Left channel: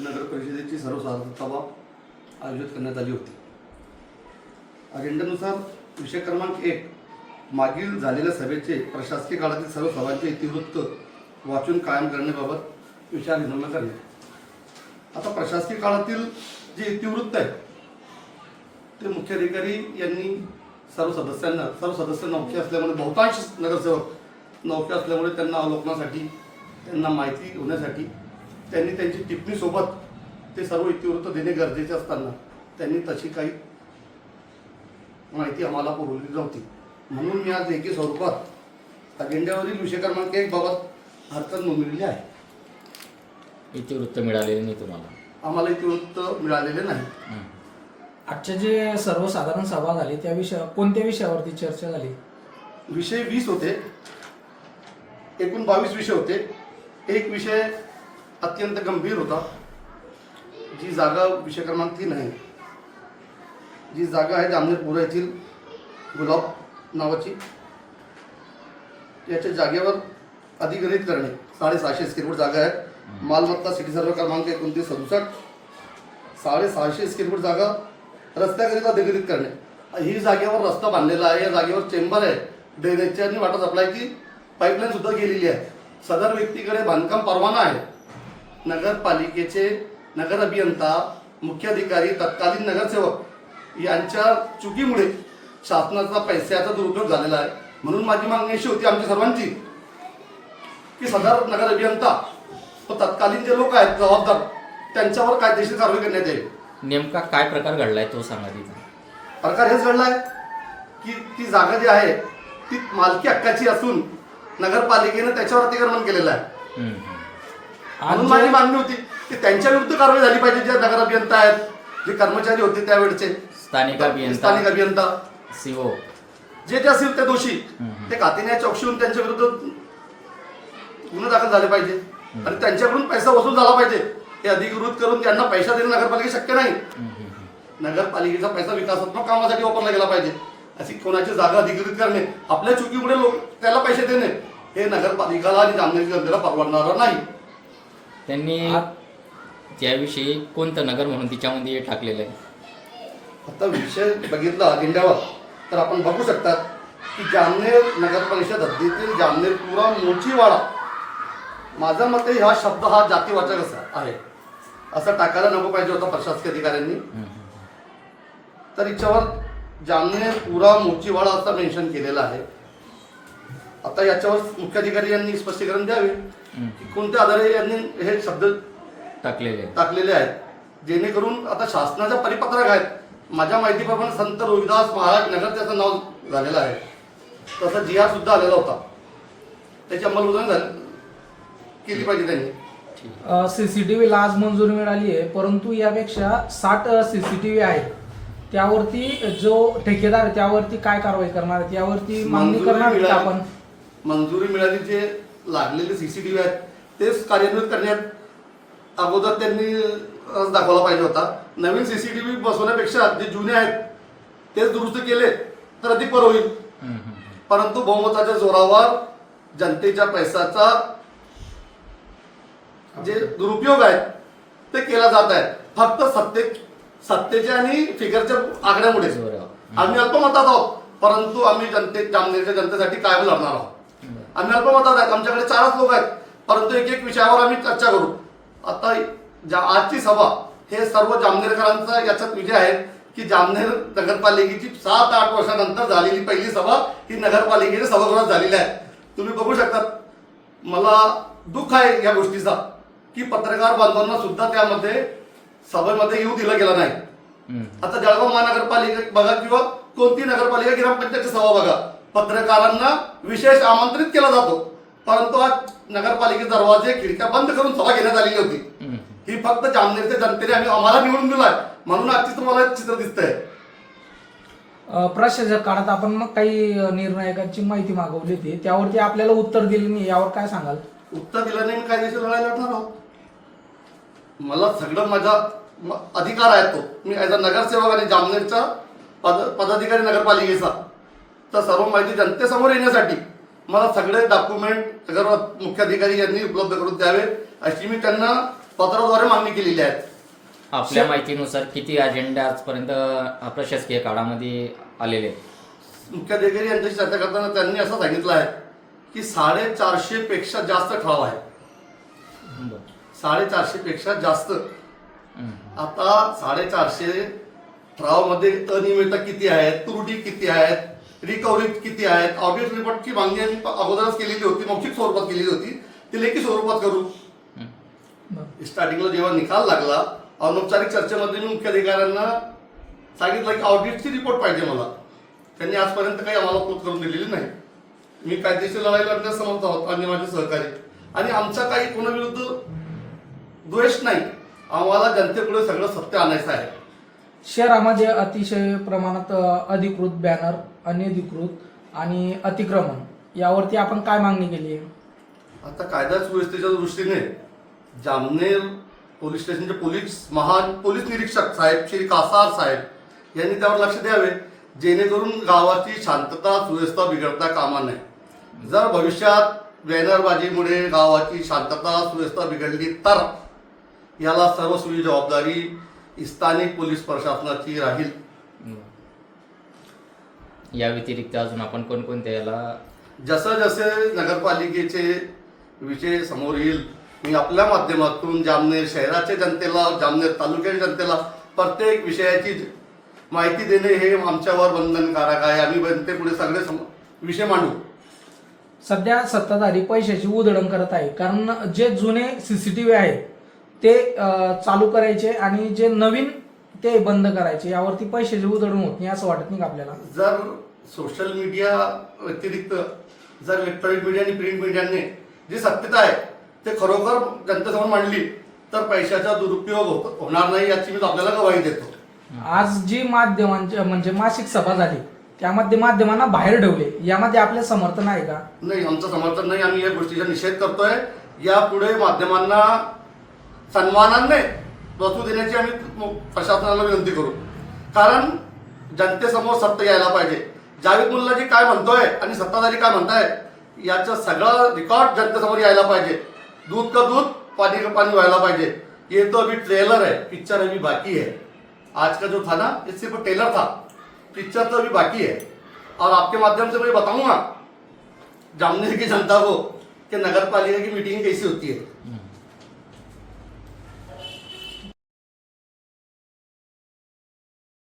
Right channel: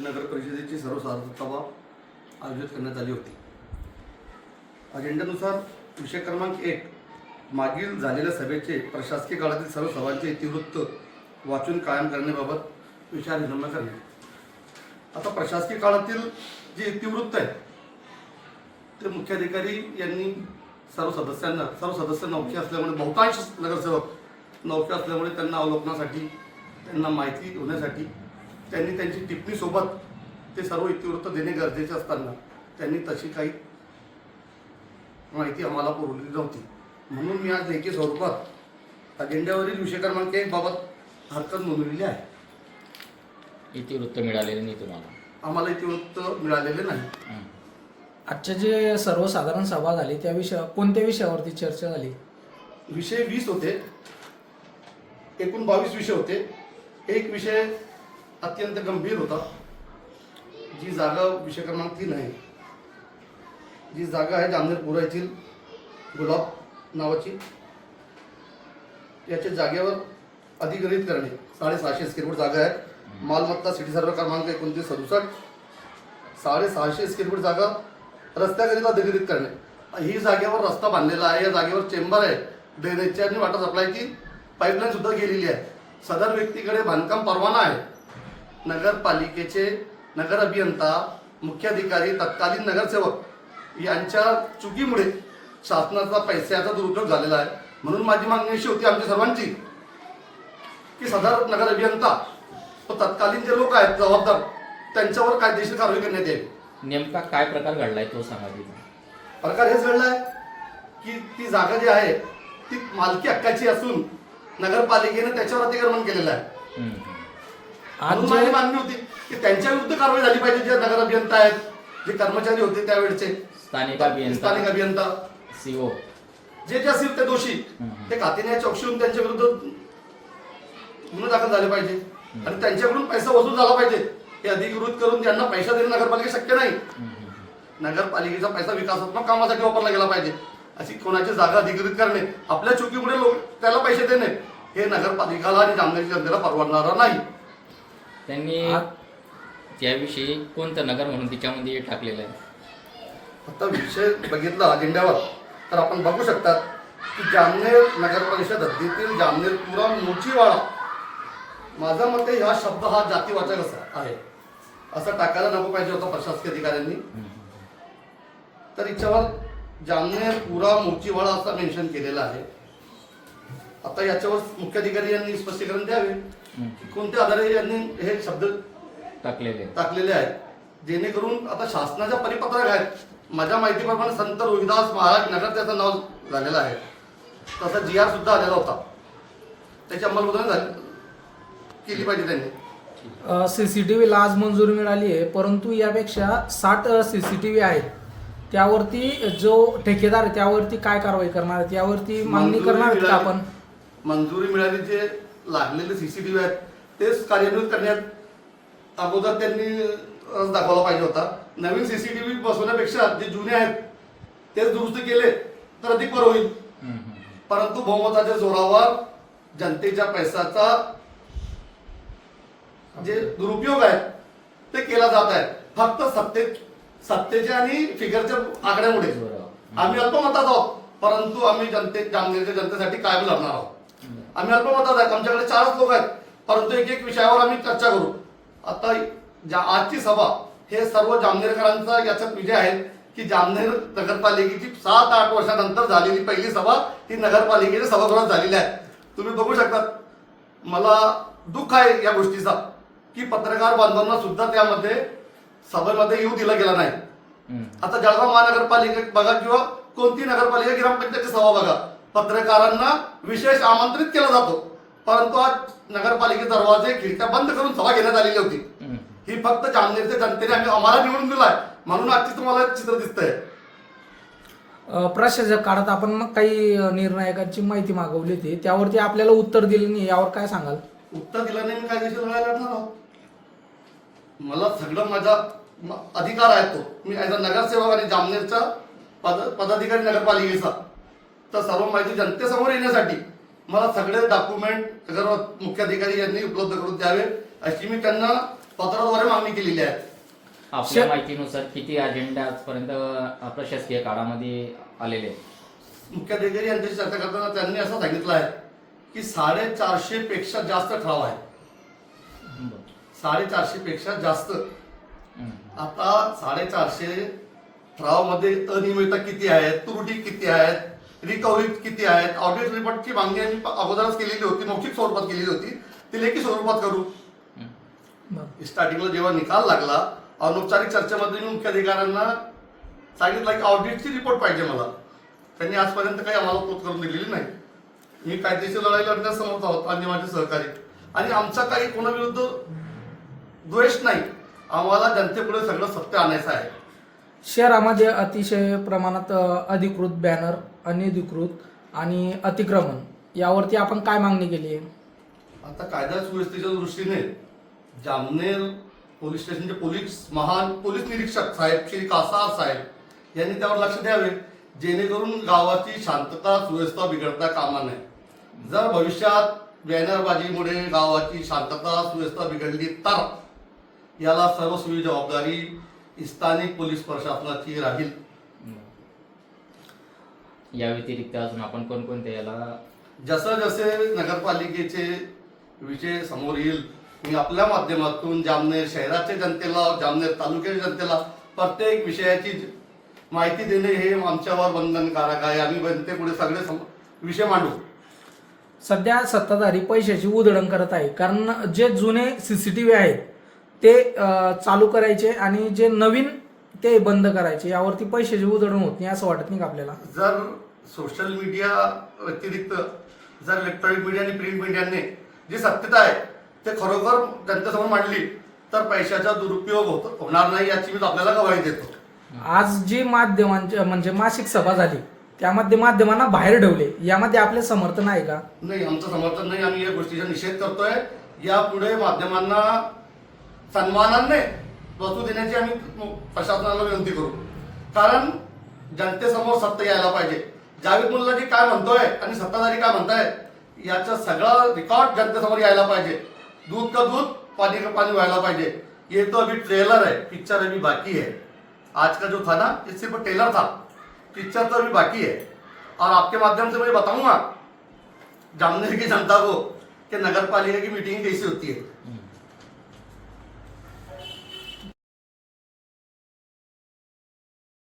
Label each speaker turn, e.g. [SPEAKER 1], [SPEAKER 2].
[SPEAKER 1] नगर परिषदेची सर्वसाधारण सभा आयोजित करण्यात आली होती. अजेंड्यानुसार विषय क्रमांक एक मागील झालेल्या सभेचे प्रशासकीय काळातील सर्व सभांचे इतिवृत्त वाचून कायम करण्याबाबत विचार विनिमय करणे. आता प्रशासकीय काळातील जे इतिवृत्त आहे ते मुख्याधिकारी यांनी सर्व सदस्यांना सर्व सदस्य नौके असल्यामुळे बहुतांश नगरसेवक नौके असल्यामुळे त्यांना अवलोकनासाठी त्यांना माहिती होण्यासाठी त्यांनी त्यांची टिप्पणी सोबत ते सर्व इतिवृत्त देणे गरजेचे असताना त्यांनी तशी काही माहिती आम्हाला पुरवली नव्हती. म्हणून मी आज लेखी स्वरूपात अजेंड्यावरील विषय क्रमांक एक बाबत हरकत नोंदवलेली आहे.
[SPEAKER 2] इतिवृत्त मिळालेले नाही तुम्हाला?
[SPEAKER 1] आम्हाला इतिवृत्त मिळालेले नाही.
[SPEAKER 3] आजच्या जे सर्वसाधारण सभा झाली त्या विषया कोणत्या विषयावरती चर्चा झाली?
[SPEAKER 1] विषय वीस होते. एकूण बावीस विषय होते. एक विषय अत्यंत गंभीर होता. जी जागा विषय क्रमांक तीन आहे. जी जागा आहे जामनेरपुरा येथील गुलाब नावाची. याच्या जागेवर अधिग्रहित करणे साडेसहाशे स्क्वेअर फूट जागा आहे. मालमत्ता सिटी सर्व क्रमांक एकोणतीस सदुसष्ट. साडेसहाशे स्क्वेअर फूट जागा रस्त्याकरिता अधिग्रहित करणे. ही जागेवर रस्ता बांधलेला आहे. या जागेवर चेंबर आहे. ड्रेनेजची आणि वॉटर सप्लायची पाईपलाईन सुद्धा गेलेली आहे. सदर व्यक्तीकडे बांधकाम परवाना आहे. नगरपालिकेचे नगर अभियंता मुख्याधिकारी तत्कालीन नगरसेवक यांच्या चुकीमुळे शासनाचा पैशाचा दुरुपयोग झालेला आहे. म्हणून माझी मागणी अशी होती आमच्या सर्वांची की सदर नगर अभियंता व तत्कालीन जे लोक आहेत जबाबदार त्यांच्यावर कायदेशीर कारवाई करण्यात यावी
[SPEAKER 2] नेमका काय प्रकार घडलाय तो सांगा
[SPEAKER 1] प्रकार हेच घडला आहे की ती जागा जी आहे ती मालकी हक्काची असून नगरपालिकेने त्याच्यावर अतिक्रमण केलेलं आहे. म्हणून माझी मागणी होती की त्यांच्या विरुद्ध कारवाई झाली पाहिजे जे नगर अभियंता आहेत जे कर्मचारी होते त्यावेळेचे.
[SPEAKER 2] स्थानिक
[SPEAKER 1] स्थानिक
[SPEAKER 2] अभियंता.
[SPEAKER 1] अभियंता
[SPEAKER 2] सीओ.
[SPEAKER 1] जे जे असतील ते दोषी. ते खात्याने चौकशी होऊन त्यांच्या विरुद्ध गुन्हे दाखल झाले पाहिजे. आणि त्यांच्याकडून पैसा वसूल झाला पाहिजे. हे अधिकृत करून त्यांना पैसा देणं नगरपालिका शक्य नाही. नगरपालिकेचा पैसा विकासात्मक कामासाठी वापरला गेला पाहिजे. अशी कोणाची जागा अधिकृत करणे आपल्या चुकीमुळे लोक त्याला पैसे देणे हे नगरपालिकाला आणि जामनेर जनतेला परवडणारं नाही.
[SPEAKER 2] त्यांनी त्याविषयी कोणतं नगर म्हणून तिच्यामध्ये टाकलेलं आहे.
[SPEAKER 1] आता विषय बघितला अजेंड्यावर तर आपण बघू शकतात की जामनेर नगर परिषद हद्दीतील जामनेरपुरा मोचीवाडा. माझ्या मते हा शब्द हा जातीवाचक असा आहे. असं टाकायला नको पाहिजे होता प्रशासकीय अधिकाऱ्यांनी. तर याच्यावर जामनेरपुरा मोचीवाडा असं मेन्शन केलेलं आहे. आता याच्यावर मुख्याधिकारी यांनी स्पष्टीकरण द्यावे. की कोणत्या आधारे यांनी हे शब्द
[SPEAKER 2] टाकलेले.
[SPEAKER 1] टाकलेले आहेत? जेणेकरून आता शासनाच्या परिपत्रक आहेत. माझ्या माहितीप्रमाणे संत रोहिदास महाराज नगर त्याचं नाव झालेलं आहे. तसं जी आर सुद्धा आलेला होता. त्याची अंमलबजावणी झाली. केली पाहिजे त्यांनी.
[SPEAKER 3] सीसीटीव्हीला आज मंजुरी मिळाली आहे परंतु यापेक्षा साठ सीसीटीव्ही आहेत. त्यावरती जो ठेकेदार त्यावरती काय कारवाई करणार आहेत? यावरती मागणी
[SPEAKER 1] मंजुरी
[SPEAKER 3] करणार आपण?
[SPEAKER 1] मंजुरी मिळाली जे लागलेले सीसीटीव्ही आहेत तेच कार्यान्वित करण्यात अगोदर त्यांनी रस दाखवला पाहिजे होता नवीन सीसीटीव्ही बसवण्यापेक्षा जे जुने आहेत तेच दुरुस्त केले तर अधिक बरं होईल. परंतु बहुमताच्या जोरावर जनतेच्या पैशाचा जे दुरुपयोग आहे ते केला जात आहे फक्त सत्ते सत्तेच्या आणि फिगरच्या आकड्यामुळे. आम्ही अल्पमतात आहोत परंतु आम्ही जनते जामनेरच्या जनतेसाठी कायम लढणार आहोत. आम्ही अल्पमतात आहेत. आमच्याकडे चारच लोक आहेत. परंतु एक एक विषयावर आम्ही चर्चा करू. आता ज्या आजची सभा हे सर्व जामनेरकरांचा याच्यात विजय आहे की जामनेर नगरपालिकेची सात आठ वर्षानंतर झालेली पहिली सभा ही नगरपालिकेच्या सभागृहात झालेली आहे. तुम्ही बघू शकतात. मला दुःख आहे या गोष्टीचा की पत्रकार बांधवांना सुद्धा त्यामध्ये सभेमध्ये येऊ दिलं गेलं नाही. आता जळगाव महानगरपालिका बघा किंवा कोणती नगरपालिका ग्रामपंचायतची सभा बघा. पत्रकारांना विशेष आमंत्रित केला जातो. परंतु आज नगरपालिकेचे दरवाजे खिडक्या बंद करून सभा घेण्यात आलेली होती.
[SPEAKER 2] हं.
[SPEAKER 1] फक्त जामनेरच्या जनतेने आम्ही आम्हाला निवडून दिलाय. म्हणून आजची तुम्हाला हे चित्र दिसतंय.
[SPEAKER 3] प्रशासक काळात आपण मग काही निर्णायकांची माहिती मागवली होती. त्यावरती आपल्याला उत्तर दिलं नाही. यावर काय सांगाल?
[SPEAKER 1] उत्तर दिलं नाही मी कायदेशीर लढाई लढणार आहोत. मला सगळं माझा म- अधिकार आहे तो. मी ॲज अ नगरसेवक आणि जामनेरचा पद पदाधिकारी नगरपालिकेचा. तर सर्व माहिती जनतेसमोर येण्यासाठी मला सगळे डॉक्युमेंट नगर मुख्याधिकारी यांनी उपलब्ध करून द्यावे अशी मी त्यांना पत्राद्वारे मागणी केलेली आहे
[SPEAKER 2] आपल्या माहितीनुसार किती अजेंडा आजपर्यंत प्रशासकीय काळामध्ये आलेले
[SPEAKER 1] मुख्याधिकारी यांच्याशी चर्चा करताना त्यांनी असं सांगितलं आहे की साडेचारशे पेक्षा जास्त ठराव आहे. साडेचारशे पेक्षा जास्त. आता साडेचारशे ठरावामध्ये अनियमितता किती आहेत त्रुटी किती आहेत रिकव्हरी किती आहेत? ऑडिट रिपोर्टची मागणी आम्ही अगोदरच केलेली होती मौखिक स्वरूपात केलेली होती. ती लेखी स्वरूपात करू. स्टार्टिंगला जेव्हा निकाल लागला अनौपचारिक चर्चेमध्ये मी मुख्य अधिकाऱ्यांना सांगितलं की ऑडिटची रिपोर्ट पाहिजे मला. त्यांनी आजपर्यंत काही आम्हाला उपलब्ध करून दिलेली नाही. मी कायदेशीर लढाई लढण्यास समर्थ आहोत आणि माझे सहकारी. आणि आमचा काही कोणाविरुद्ध द्वेष नाही. आम्हाला जनतेपुढे सगळं सत्य आणायचं आहे.
[SPEAKER 3] शहरामध्ये अतिशय प्रमाणात अधिकृत बॅनर अनधिकृत आणि अतिक्रमण यावरती आपण काय मागणी केली आहे?
[SPEAKER 1] आता कायदा सुव्यवस्थेच्या दृष्टीने जामनेर पोलीस स्टेशनचे पोलीस महान पोलीस निरीक्षक साहेब श्री कासार साहेब यांनी त्यावर लक्ष द्यावे जेणेकरून गावाची शांतता सुव्यवस्था बिघडता कामा नये. जर भविष्यात बॅनरबाजीमुळे गावाची शांतता सुव्यवस्था बिघडली तर याला सर्वस्वी जबाबदारी स्थानिक पोलीस प्रशासनाची राहील.
[SPEAKER 2] या व्यतिरिक्त अजून आपण कोणकोणत्या याला
[SPEAKER 1] जसं जसे नगरपालिकेचे विषय समोर येईल मी आपल्या माध्यमातून जामनेर शहराच्या जनतेला जामनेर तालुक्याच्या जनतेला प्रत्येक विषयाची माहिती देणे हे आमच्यावर बंधनकारक आहे. आम्ही जनतेपुढे सगळे सम- विषय मांडू.
[SPEAKER 3] सध्या सत्ताधारी पैशाची उधळण करत आहे. कारण जे जुने सीसीटीव्ही आहेत ते चालू करायचे आणि जे नवीन ते बंद करायचे. यावरती पैशाची उधळण होत नाही असं वाटत नाही का आपल्याला?
[SPEAKER 1] जर सोशल मीडिया व्यतिरिक्त जर इलेक्ट्रॉनिक मीडिया आणि प्रिंट मीडियाने जी सत्यता आहे ते खरोखर जनतेसमोर मांडली तर पैशाचा दुरुपयोग होत होणार नाही याची मी आपल्याला गवाही देतो.
[SPEAKER 3] आज जी माध्यमांच्या म्हणजे मासिक सभा झाली त्यामध्ये माध्यमांना बाहेर ठेवले यामध्ये आपले समर्थन आहे का?
[SPEAKER 1] नाही आमचं समर्थन नाही. आम्ही या गोष्टीचा निषेध करतोय. यापुढे माध्यमांना सन्मानाने वस्तू देण्याची आम्ही प्रशासनाला विनंती करू. कारण जनतेसमोर सत्य यायला पाहिजे. जावेद मुल्लाजी काय म्हणतोय आणि सत्ताधारी काय म्हणताय याचं सगळं रेकॉर्ड जनतेसमोर यायला पाहिजे. दूध का दूध पाणी का पाणी व्हायला पाहिजे. ये तो अभी ट्रेलर है पिक्चर अभी बाकी है आज का जो था ना ये सिर्फ ट्रेलर था. पिक्चर तो अभी बाकी है और आपके माध्यम से मैं बताऊंगा जामनेर की जनता को कि नगर पालिका की मीटिंग कैसी होती है?